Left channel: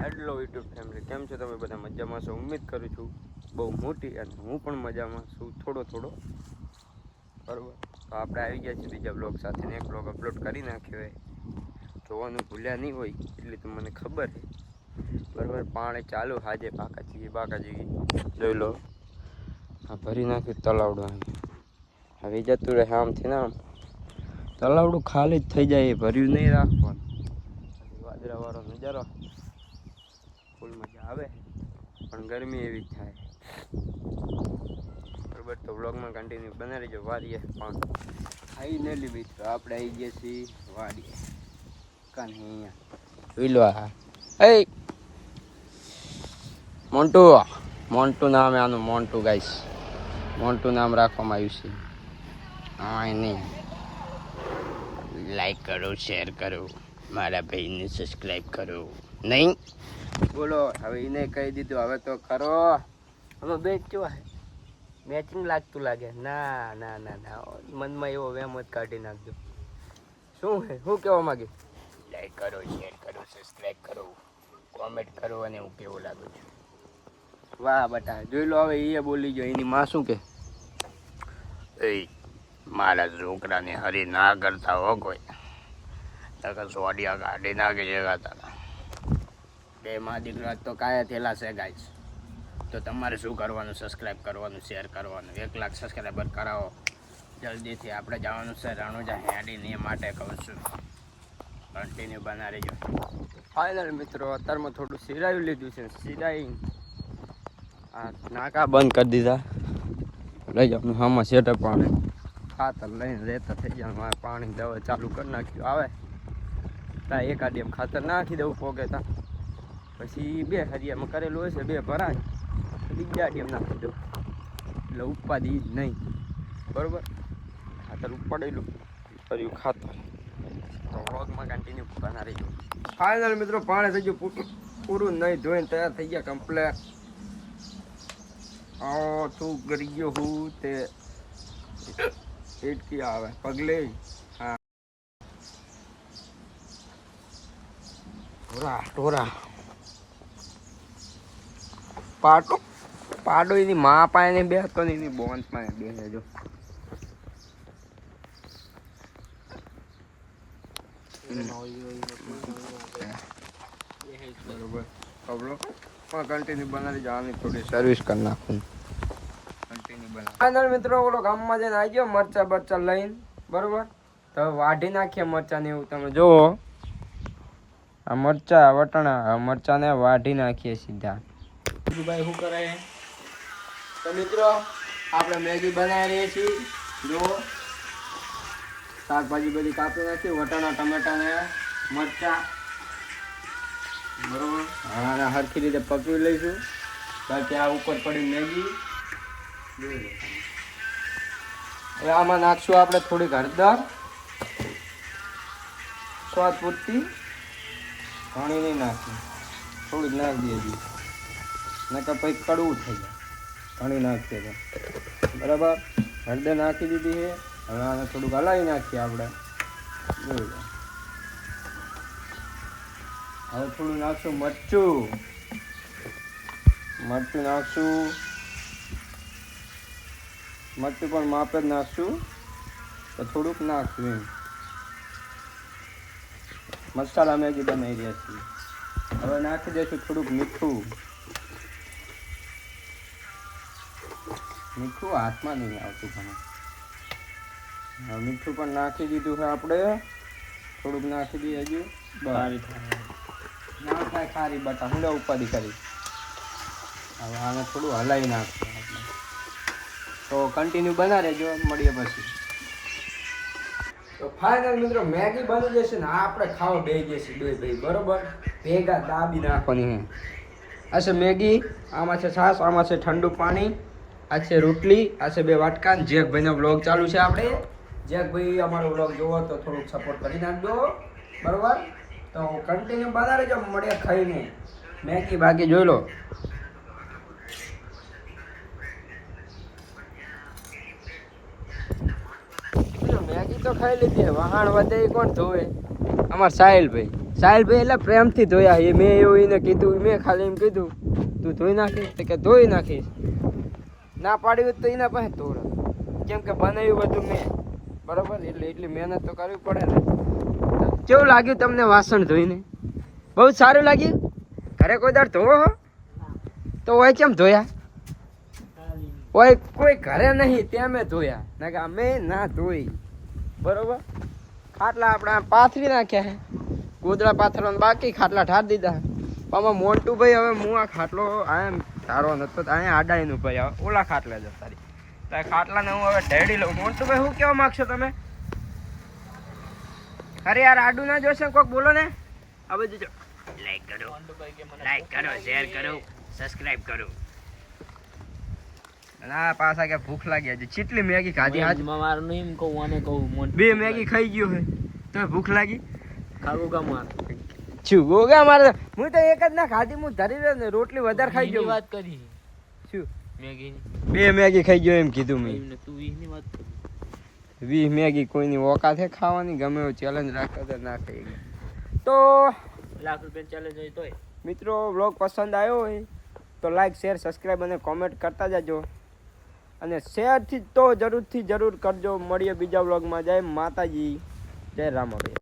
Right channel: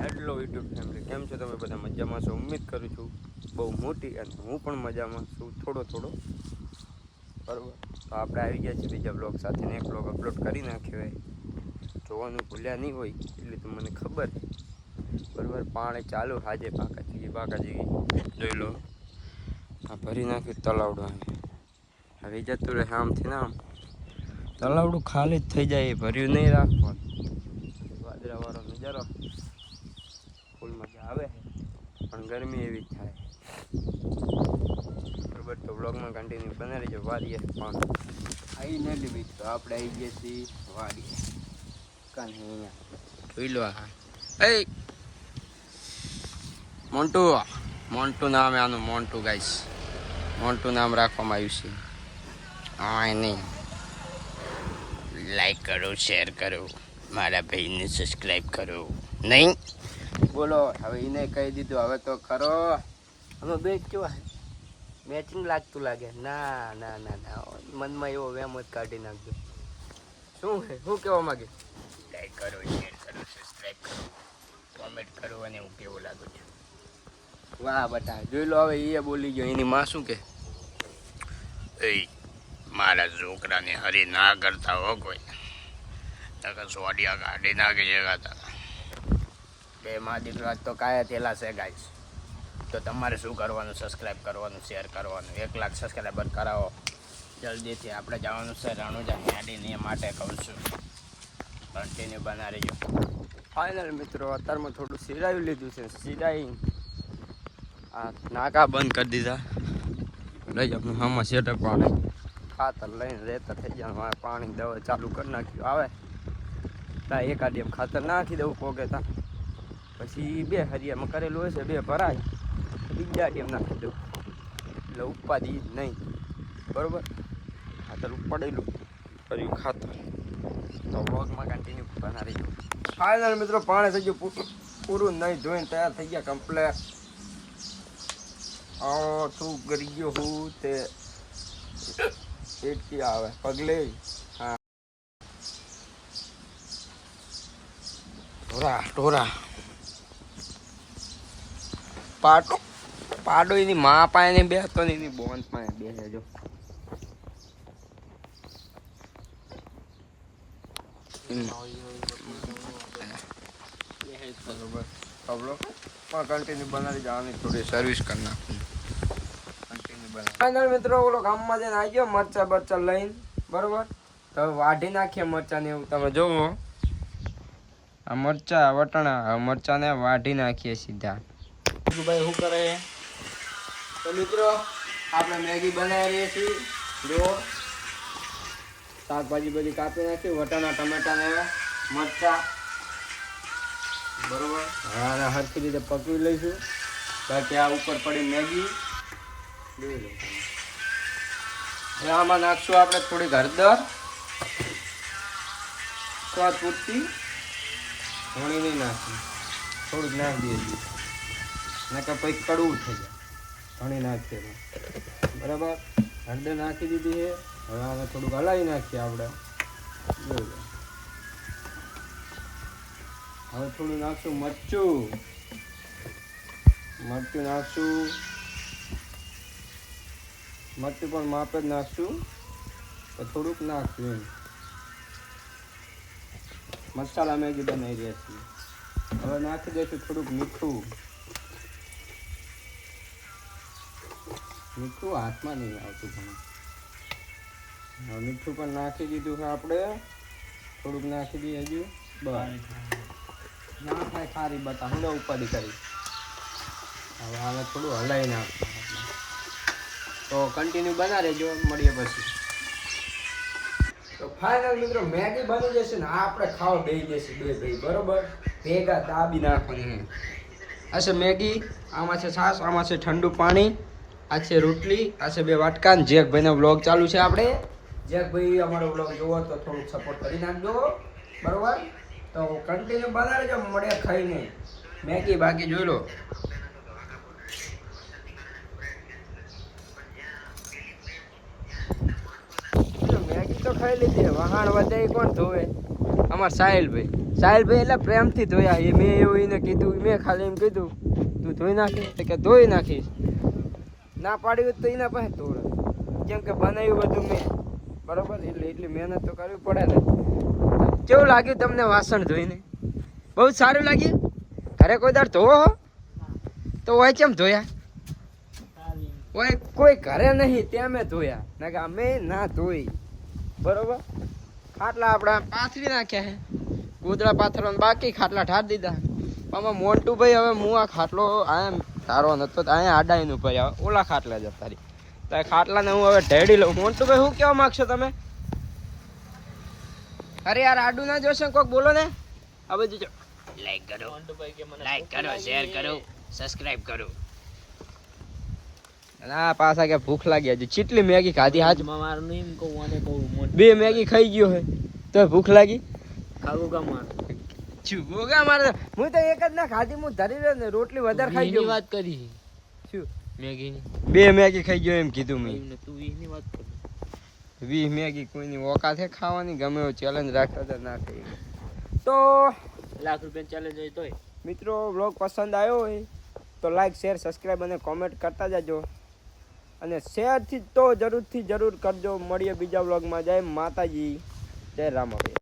Hello YouTube family, કેમ છો તમે બધા? મજામાં છો? ઉમ્મીદ કરું છું બહુ મોટી, અને હું પણ મજામાં છું થોડો બરાબર. તો આપણે આવી ગયા છીએ બીજા બ્લોગ સાથે, એક બ્લોગ અપલોડ કરી નાખ્યો હોય, જોવાનું ભૂલ્યા નહીં હોય એટલે તો મને ખબર છે બરાબર. પાણી ચાલુ હાજે બાકાજી જોઈ લો, આ ભરી નાખ્યું તલાવડું. હવે જતું રહે આમથી ને આમ, તલાવડું ખાલી જ થઈ જાય, ભર્યું નહીં રાખવાનું. વાદળાવાળો નજારો ફૂલ મજા આવે, પણ ગરમી એવી જ થાય બરાબર. તો વ્લોગમાં કન્ટિન્યુ બનાવી લેજો. વાડીએ પણ આવી ન લી મિત્રો, આપણે આવી ગયા છીએ વાડીએ. કાંઈ અહીંયા જોઈ લો, એ મોન્ટુ નામ આનું, મોન્ટુ ગાઈસ, મોન્ટુ નામ રાખવામાં આવ્યું છે. હા નહીં, લાઈક કરો, શેર કરો, મારા ભાઈને સબસ્ક્રાઈબ કરો. નહીં બોલો, હવે એને કહી દીધું, હવે તો ખરો. અમે બે કેવા મેચિંગ લાગતું લાગે. ના ના ના ના, મનમાં એવો વેમ જ કાઢી નાખજો. શું છે, શું કહેવા માંગે? લાઈક કરો, શેર કરો, સબસ્ક્રાઈબ કરો, કોમેન્ટ કરો, અને હું કેવું લાગુ છું. વાહ બટા, જોઈ લો. હવે એ બોલી ગયો, એની માં શું કે? એ મારા છોકરાને હરી ના કરતા હો કોઈ, સોડિયા કાઢી નાખી જગાતા. બે માં દીકરા તો કાયા થયેલા છે ગાઈસ. તો તમારે શું કરવાનું? સબસ્ક્રાઈબ કરવાનું, શેર કરવાનું. 1 લાખ સબસ્ક્રાઈબર કરાવો જલ્દીથી. આપણે જવાનું છે રણુજા હેડીને, એ માટે કહું છું કન્ટિન્યુ બના રહેજો. ફાઇનલ મિત્રો, અત્યારમાં થોડું સિરાયું લીધું છે, સિરાઈ આ નાકા બંધ કરી દીધા. લઈ જાઉં આમાં સેટઅપ, પાણી ખાતર લઈને રહેતા થઈ જાય. પાણી દવા ચાલુ કરી નાખ્યું. આવે તા એકાદી એમ ખાતર નાખી દઉં પોગે તા, પછી 2 હરિયામાં કરેલું હશે, 2 ભરાય તો બીજા ડીએમ નાખી દઉં, એટલે ઉપાધિ જ નહીં બરાબર. ખાતર ઉપાડેલું કર્યું ખાતર. તો વ્લોગમાં કન્ટિન્યુ બના રહીજો. ફાઇનલ મિત્રો, પાણી થઈ ગયું પૂરું, નહીં ધોઈને તૈયાર થઈ ગયા કમ્પ્લેટ. તું કરી ગયો હું તે એટકી આવે પગલે. હા, ટોરા પાડો એની મા પાસે બેસતો ને એની બોન પાસે બેસે. જો બરોબર, ખબરો પણ કન્ટિન્યુ બનાવી જવાની, થોડી સર્વિસ કરી નાખું. કન્ટિન્યુ બનાવ. ફાઇનલ મિત્રો, ઓલો ગામમાં જઈને આવી ગયો મરચા લઈને બરોબર. તો વાઢી નાખીએ મરચા ને એવું. તમે જોવો આ મરચા વટાણા, મરચાને વાઢી નાખીએ સીધા. ભાઈ શું કરે છે? તો મિત્રો, આપણે મેગી બનાવી રહી છીએ. જો શાકભાજી બધી કાપી નાખી, વટાણા, ટમેટા ને મરચા બરોબર. હા, હરખી રીતે પકવી લઈશું. બાકી આ ઉપર પડી મેગી આમાં નાખશું આપણે થોડીક હળદર, સ્વાદ પૂરતી. ઘણી નહીં નાખી, થોડુંક નાખી દઈએ, નકર પછી કડવું થઈ જાય. ઘણી નાખીએ તો બરાબર. હળદર નાખી દીધી છે. હવે આને થોડુંક હલાવી નાખીએ આપણે. જોઈ લો, હવે થોડું નાખશું મરચું નાખશું. મરચું પણ માપે જ નાખશું, તો થોડુંક નાખશું એમ. મસાલા મેગી બનાવી રહ્યા છીએ. હવે નાખી દઈશું થોડુંક મીઠું હાથમાં નહીં આવતું પણ. હવે મીઠું પણ નાખી દીધું છે આપણે. થોડુંક નાખી દઈએ હજુ. બહાર ના થાય ખારી બટા, હું ઉપાધિ કરી. હવે આને થોડું હલાવી નાખશું. તો કન્ટિન્યુ બના રહેજો, મળીએ પછી. તો ફાઇનલ મિત્રો, મેગી બની જશે ને આપણે ખાવા બેસી જશે 2 ભાઈ બરોબર. ભેગા દાબી નાખવાની. આ છે મેગી, આમાં છે છાશ, આમાં છે ઠંડુ પાણી, આ છે રોટલી, આ છે 2 વાટકા. જેકભાઈનો વ્લોગ ચાલુ છે. આપણે જેકભાઈ અમારો વ્લોગ જોવો તો થોડુંક સપોર્ટ કરી નાખજો બરોબર. તો કન્ટિન્યુ બના રહેજો, મળીએ ખાઈને. મેગી બાકી જોઈ લો. મેગી તો ખાઈ લીધી, વહાણ વધે કોણ ધોવે? અમાર સાહિલભાઈ એટલે પ્રેમથી ધોયા. એ મેં એવું એને કીધું, મેં ખાલી એમ કીધું તું ધોઈ નાખીશ તો કે ધોઈ નાખીશ. ના પાડ્યું તો એના પાસે ધોરણ, કેમ કે બનાવ્યું બધું મેં, બરોબર. એટલે એટલી મહેનત તો કરવી પડે ને. કેવું લાગ્યું તમને વાસણ ધોઈને? બહુ સારું લાગ્યું. ઘરે કોઈ દાડ ધોવો હો તો હોય કેમ ધોયા? હોય કોઈ ઘરે નહીં ત્યાં મેં ધોયા, ના કે અમે ના ધોઈ, બરોબર. ખાટલા આપણે પાથરી નાખ્યા હે, ગોદડા પાથરવાનું બાકી, ખાટલા ઠાર દીધા. આમાં મોન્ટુભાઈ હવે હું આ ખાટલો આ તારો નતો તો અહીંયા આડાઈનું ભાઈ આવે ઓલા ખાટલા જતા રહી. તો ખાટલાને હું હવે ઢેડી લઉં. મોન્ટુભાઈ શું કહેવા માગશો તમે? અરે યાર આડું ના જોશે કોક બોલો ને. આ બધું જો લાઈક કરો, શેર કરો, સબસ્ક્રાઇબ કરો. ના પાછા કે ભૂખ લાગી હજી ચીટલી મેગી ખાધી આજ માર નહીં કહું આને કહું 2 મેગી ખાઈ ગયો હે તો ભૂખ લાગી. ખાવું કા માર શું ગોગા મારે? હું તો એક જ ના ખાધી, હું ધરી રહ્યો ને રોટલી વધારે ખાઈ ગયો. વાત કરી શું મેગી? 2 મેગી ખાઈ ગયો એમ કીધું મેં. તું 20 ની વાત કરી. 20 મેગી કોઈની ઓકાત છે ખાવાની? ગમે એવો ચેલેન્જ રાખતા તો ના ખાઈ ગયો તો લાખ રૂપિયા ચેલેન્જ હોય તોય. મિત્રો વ્લોગ પસંદ આવ્યો હોય તો લાઈક શેર સબસ્ક્રાઈબ અને કોમેન્ટ કરતા જજો. અને શેરથી તો જરૂર કરજો. મળીએ બીજા વ્લોગમાં. જય માતાજી, જય રામાભાઈ.